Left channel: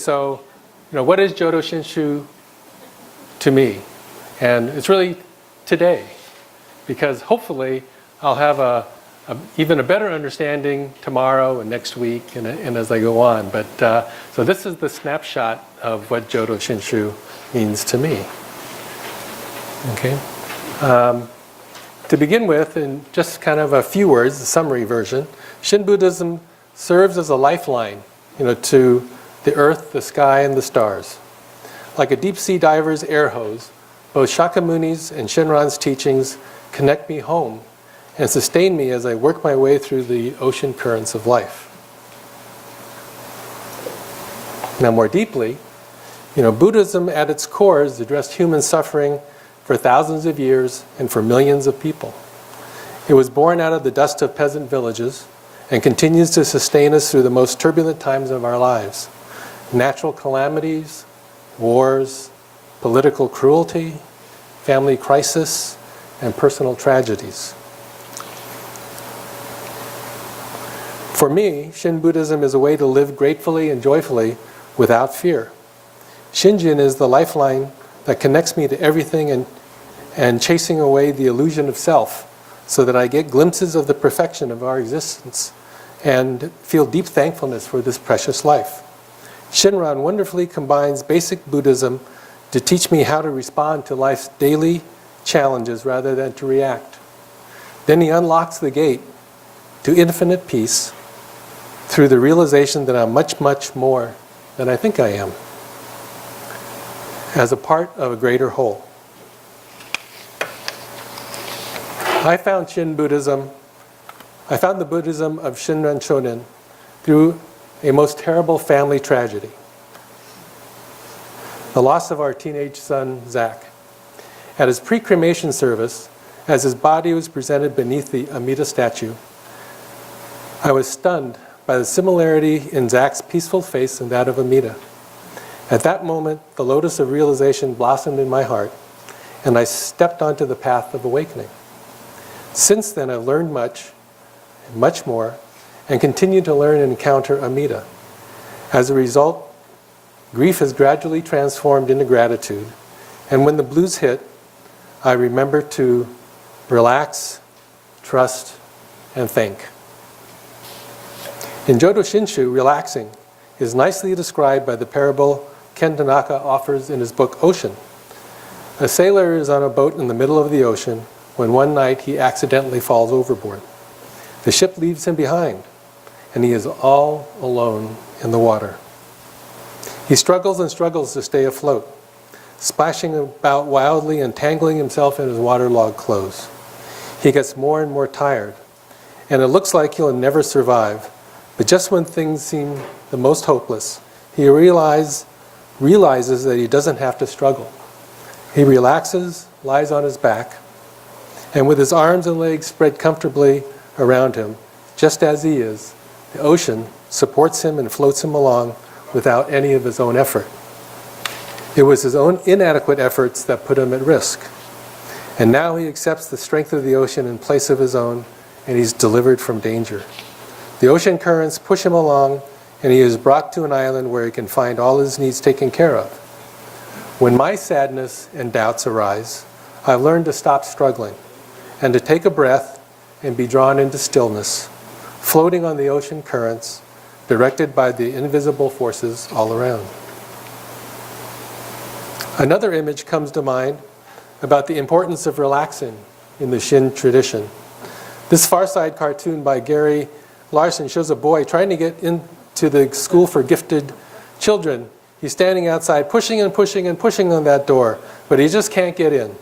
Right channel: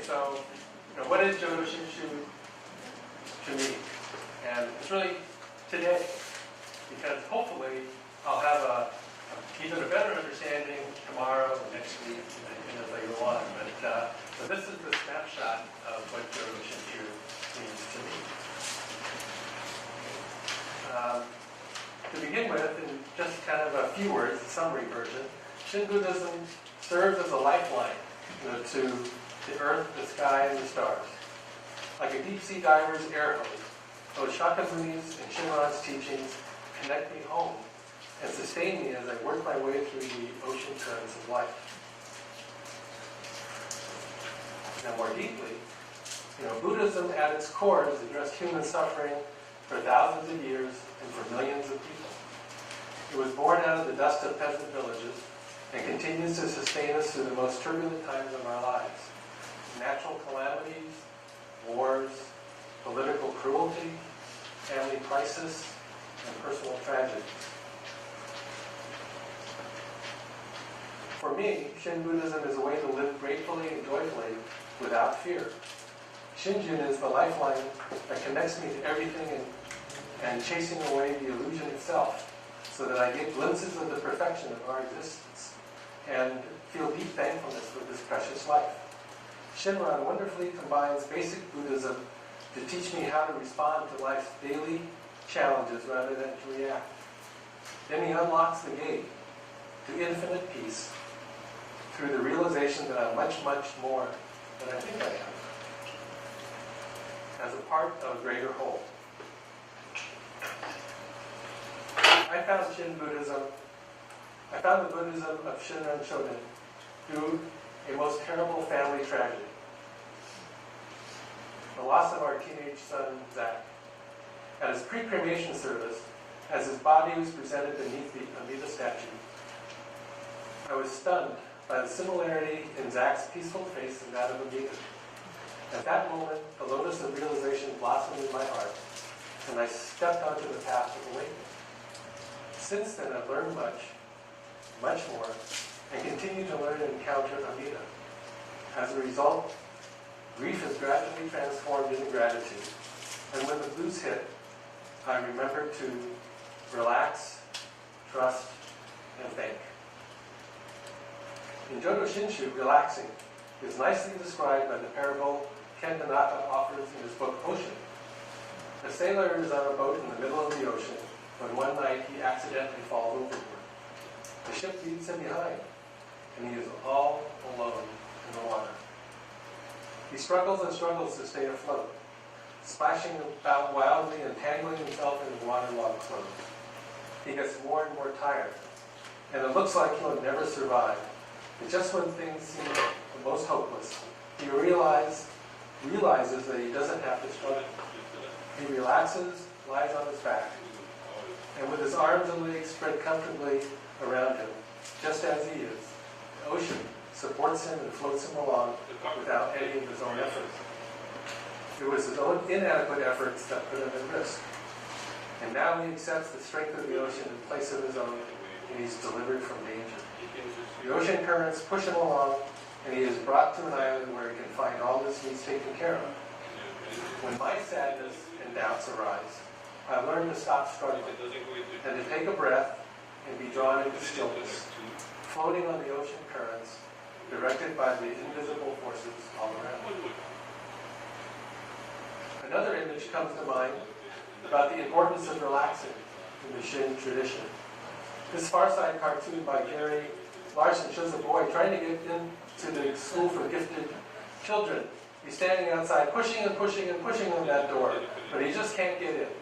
So, what is Jodo Shinshu to me? And it's really today, because hopefully I'll have even a better understanding tomorrow and next week and as I go on. But so this is the snapshot of what Jodo Shinshu means to me. Okay. To begin with, in just kind of a few words, the summary version, Shin Buddhism serves as a lifeline, to the earth, the sky, and the stars. Like a deep-sea diver's air hose, both Shakyamuni's and Shinran's teachings connect me home and sustain me as I work my way through the ocean currents of life. Now, more deeply, Buddhism at its core has addressed human suffering for thousands of years and for millions of people. It was born out of the dust of peasant villages and continues to sustain us through the most turbulent times of our lives. Natural calamities, wars, political cruelty, family crisis, and personal tragedies. For me, Shin Buddhism is a way to live gratefully and joyfully without fear. Shinjin is the lifeline that connects me to everything and chasing away the illusion of self so that I get glimpses of the perfection of our existence and feel deep thankfulness for this precious life. Shinran wonderfully combines basic Buddhism to teach me how to respond to life's daily challenges rather than to react. Then he unlocks the gate to infinite peace through the realization that I'm much, much more than I think I am, as a part of a greater whole. I found the Buddhism of Shinran Shonin through a most terrible family tragedy. The loss of our teenage son, Zach. At his pre-cremation service, as his body was presented beneath the Amida statue, I was stunned by the similarity in Zach's peaceful face and that of Amida. At that moment, the lotus of realization blossomed in my heart, and I stepped onto the path of awakening. Since then, I've learned much, and much more, and continue to learn and encounter Amida. As a result, grief has gradually transformed into gratitude, and when the blues hit, I remember to relax, trust, and thank. In Jodo Shinshu, relaxing is nicely described by the parable Ken Tanaka offers in his book Ocean. A sailor is on a boat in the middle of the ocean when one night he accidentally falls overboard. The ship leaves him behind, and he is all alone in the water. He struggles and struggles to stay afloat, splashing about wildly and tangling himself in his waterlogged clothes. He gets more and more tired, and it looks like he'll never survive. But just when things seem the most hopeless, he realizes that he doesn't have to struggle. He relaxes, lies on his back, and with his arms and legs spread comfortably around him, just as he is, the ocean supports him and floats him along without any of his own effort. It was his own inadequate efforts that put him at risk. And now he accepts the strength of the ocean in place of his own, and he's delivered from danger. The ocean currents push him along, and he is brought to an island where he can find all his needs taken care of. When my sadness and doubts arise, I've learned to stop struggling and to take a breath and be drawn into stillness, floating on the ocean currents, directed by the invisible forces all around. Another image comes to mind about the importance of relaxing in the Shin tradition. This Far Side cartoon by Gary Larson shows a boy trying to get into the school for gifted children. He's standing outside pushing and pushing and pushing on that door, but he just can't get in.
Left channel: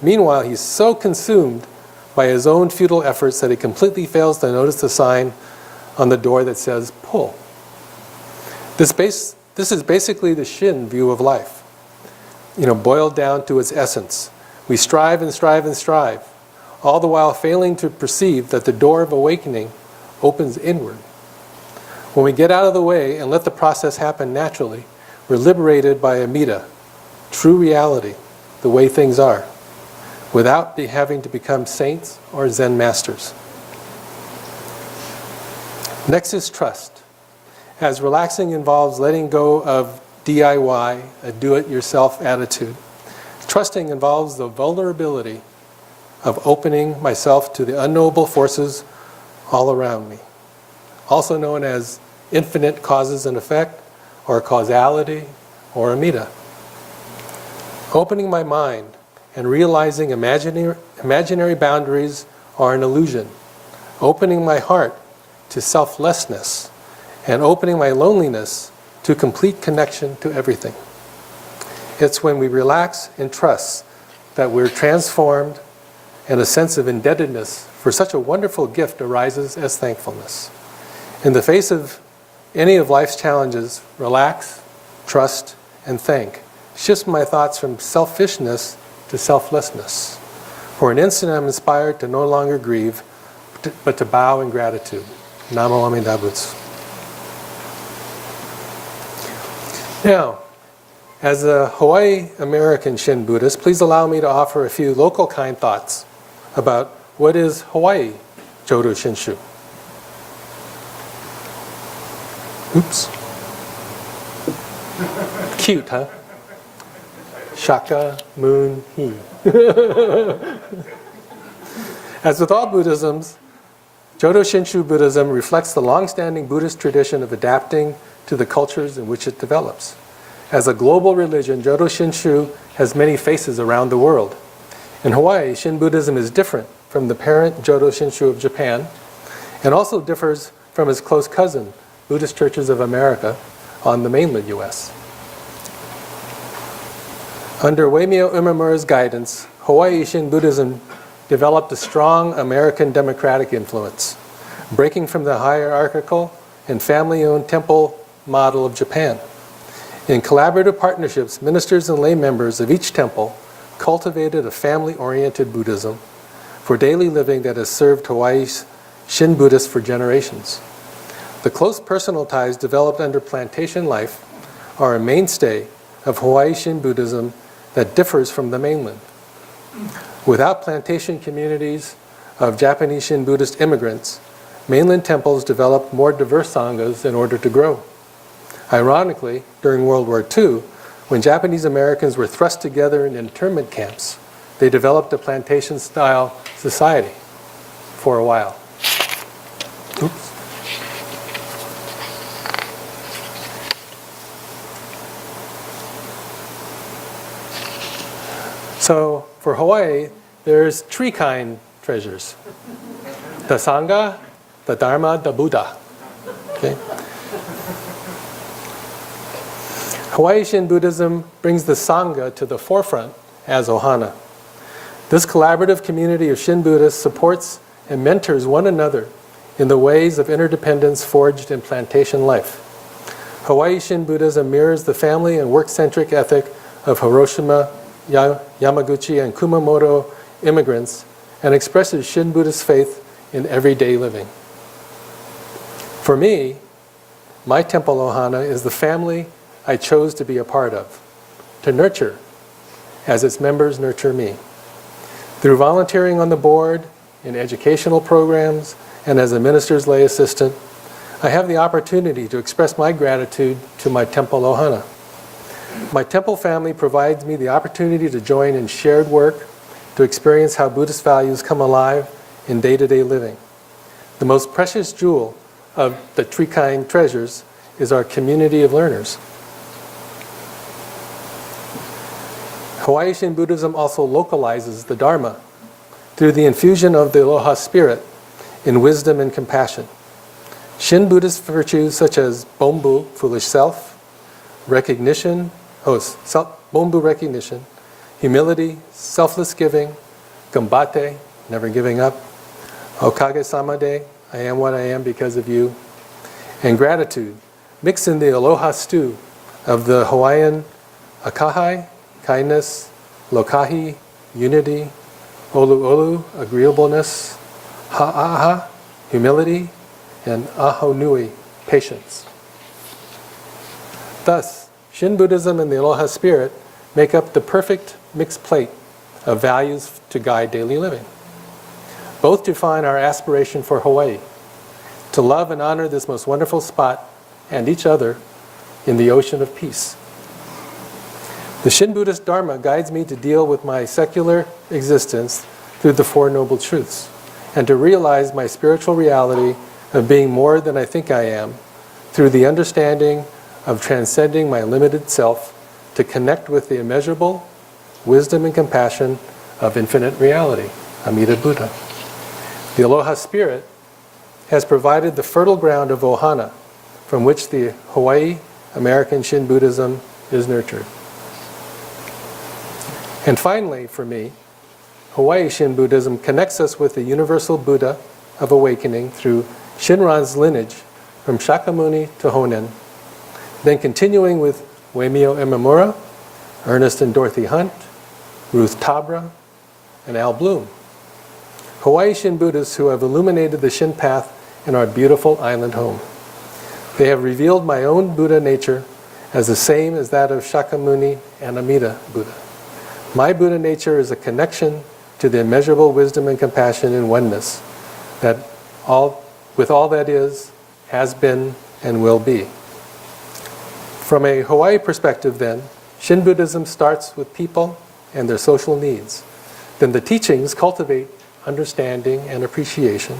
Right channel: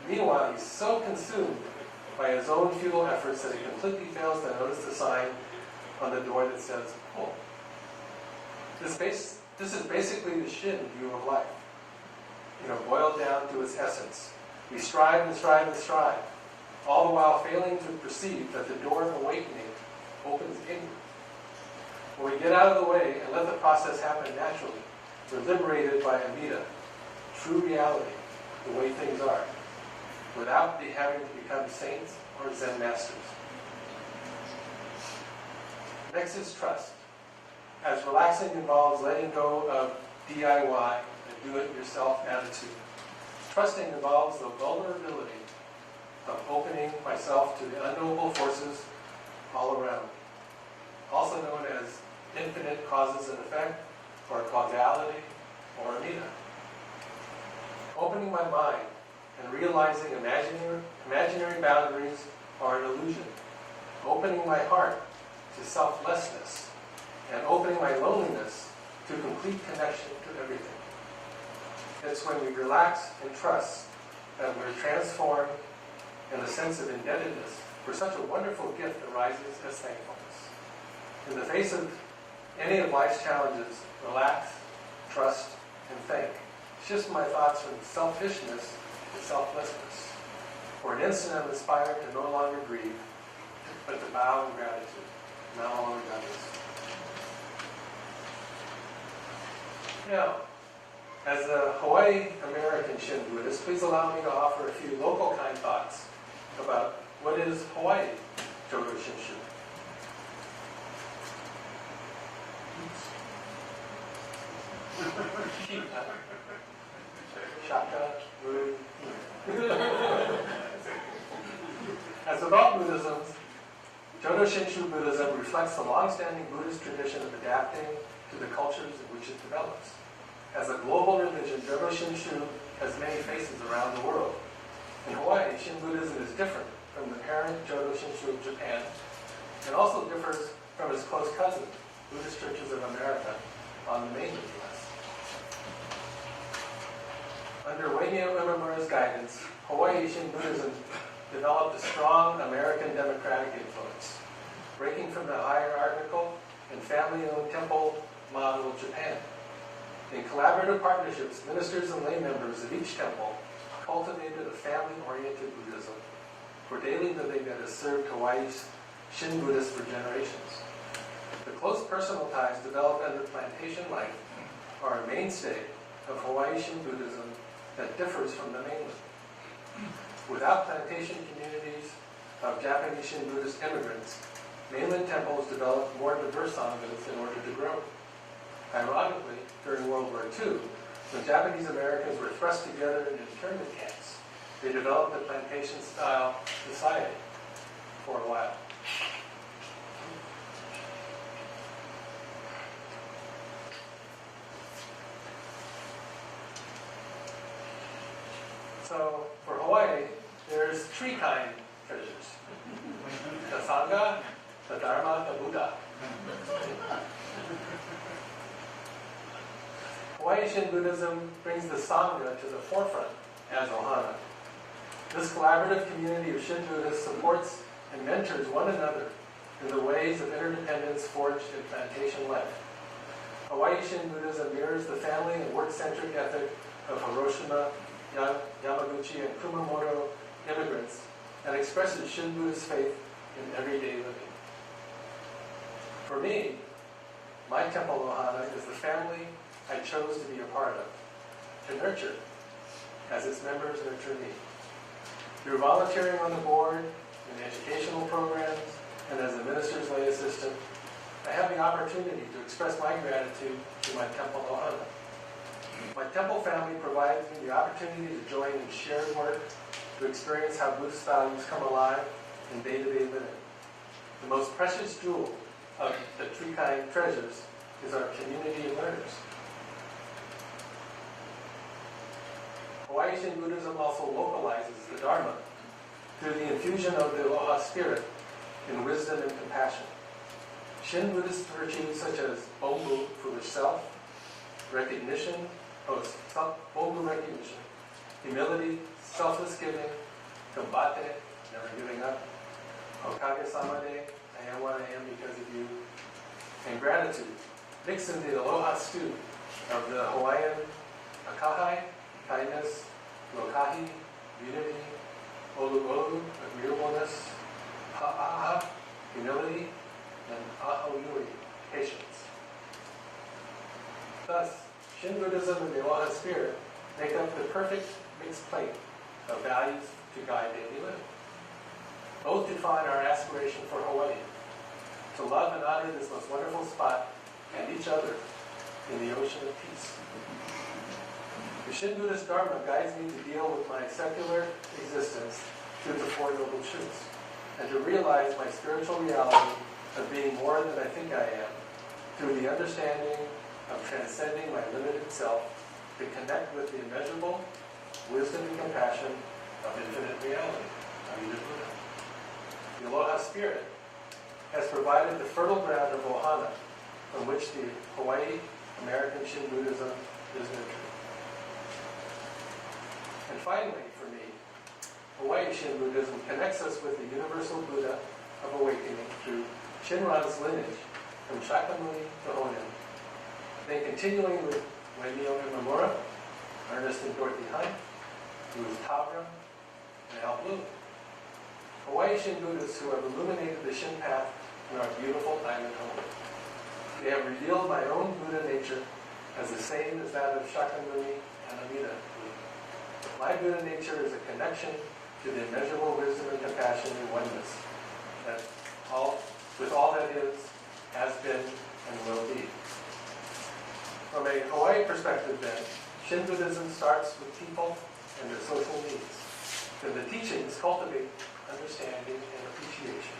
Meanwhile, he's so consumed by his own futile efforts that he completely fails to notice the sign on the door that says, pull. This is basically the Shin view of life, boiled down to its essence. We strive and strive and strive, all the while failing to perceive that the door of awakening opens inward. When we get out of the way and let the process happen naturally, we're liberated by Amida, true reality, the way things are, without having to become saints or Zen masters. Next is trust. as relaxing involves letting go of DIY, a do-it-yourself attitude. Trusting involves the vulnerability of opening myself to the unknowable forces all around me, also known as infinite causes and effect, or causality, or amida. Opening my mind and realizing imaginary boundaries are an illusion. Opening my heart to selflessness, and opening my loneliness to complete connection to everything. It's when we relax and trust that we're transformed, and a sense of indebtedness for such a wonderful gift arises as thankfulness. In the face of any of life's challenges, relax, trust, and thank shifts my thoughts from selfishness to selflessness. For an instant, I'm inspired to no longer grieve, but to bow in gratitude. Namo Amida Butsu. Now, as a Hawaii American Shin Buddhist, please allow me to offer a few local kind thoughts about what is Hawaii Jodo Shinshu. Oops. Cute, huh? Shaka, moon, he. As with all Buddhisms, Jodo Shinshu Buddhism reflects the long-standing Buddhist tradition of adapting to the cultures in which it develops. As a global religion, Jodo Shinshu has many faces around the world. In Hawaii, Shin Buddhism is different from the parent Jodo Shinshu of Japan, and also differs from its close cousin, Buddhist Churches of America, on the mainland U.S. Under Uemio Imamura's guidance, Hawaii Shin Buddhism developed a strong American democratic influence, breaking from the hierarchical and family-owned temple model of Japan. In collaborative partnerships, ministers and lay members of each temple cultivated a family-oriented Buddhism for daily living that has served Hawaii's Shin Buddhists for generations. The close personal ties developed under plantation life are a mainstay of Hawaii Shin Buddhism that differs from the mainland. Without plantation communities of Japanese Shin Buddhist immigrants, mainland temples developed more diverse sanghas in order to grow. Ironically, during World War II, when Japanese Americans were thrust together in internment camps, they developed a plantation-style society for a while. Oops. So for Hawaii, there's three kind treasures. The Sangha, the Dharma, the Buddha. Okay? Hawaii Shin Buddhism brings the Sangha to the forefront as ohana. This collaborative community of Shin Buddhists supports and mentors one another in the ways of interdependence forged in plantation life. Hawaii Shin Buddhism mirrors the family and work-centric ethic of Hiroshima, Yamaguchi, and Kumamoto immigrants, and expresses Shin Buddhist faith in everyday living. For me, my temple ohana is the family I chose to be a part of, to nurture as its members nurture me. Through volunteering on the board, in educational programs, and as a minister's lay assistant, I have the opportunity to express my gratitude to my temple ohana. My temple family provides me the opportunity to join in shared work, to experience how Buddhist values come alive in day-to-day living. The most precious jewel of the three kind treasures is our community of learners. Hawaii Shin Buddhism also localizes the Dharma through the infusion of the Aloha spirit in wisdom and compassion. Shin Buddhist virtues such as Bombu, foolish self, recognition, Bombu recognition, humility, selfless giving, Gambate, never giving up, Okage Samade, I am what I am because of you, and gratitude, mix in the aloha stew of the Hawaiian akahai, kindness, lokahi, unity, olu olu, agreeableness, ha'aha, humility, and ahonui, patience. Thus, Shin Buddhism and the Aloha spirit make up the perfect mixed plate of values to guide daily living. Both define our aspiration for Hawaii, to love and honor this most wonderful spot and each other in the ocean of peace. The Shin Buddhist Dharma guides me to deal with my secular existence through the Four Noble Truths, and to realize my spiritual reality of being more than I think I am through the understanding of transcending my limited self to connect with the immeasurable wisdom and compassion of infinite reality, Amida Buddha. The Aloha Spirit has provided the fertile ground of ohana from which the Hawaii American Shin Buddhism is nurtured. And finally, for me, Hawaii Shin Buddhism connects us with the universal Buddha of awakening through Shinran's lineage from Shakyamuni to Honen, then continuing with Uemio Imamura, Ernest and Dorothy Hunt, Ruth Tabra, and Al Bloom. Hawaii Shin Buddhists who have illuminated the Shin path in our beautiful island home. They have revealed my own Buddha nature as the same as that of Shakyamuni and Amida Buddha. My Buddha nature is a connection to the immeasurable wisdom and compassion and oneness that with all that is, has been, and will be. From a Hawaii perspective then, Shin Buddhism starts with people and their social needs. Then the teachings cultivate understanding and appreciation,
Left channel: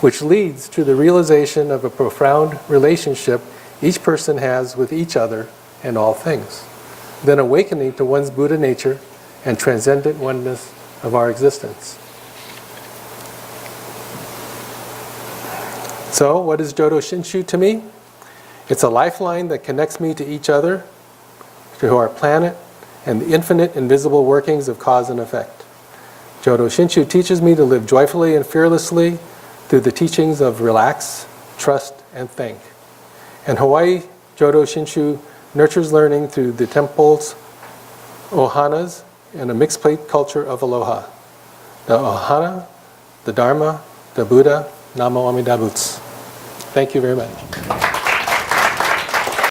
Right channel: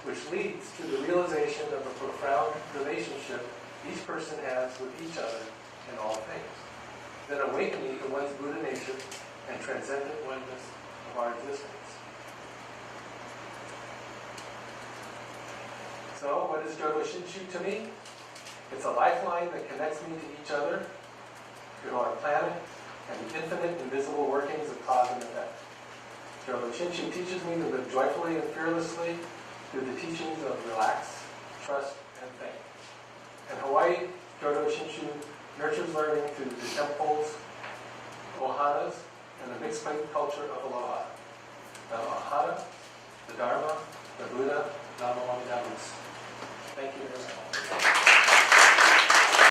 which leads to the realization of a profound relationship each person has with each other and all things. Then awakening to one's Buddha nature and transcendent oneness of our existence. So, what is Jodo Shinshu to me? It's a lifeline that connects me to each other, to our planet, and the infinite invisible workings of cause and effect. Jodo Shinshu teaches me to live joyfully and fearlessly through the teachings of relax, trust, and thank. And Hawaii Jodo Shinshu nurtures learning through the temples, ohanas, and a mixed plate culture of aloha. The ohana, the dharma, the Buddha, Namo Amida Butsu. Thank you very much.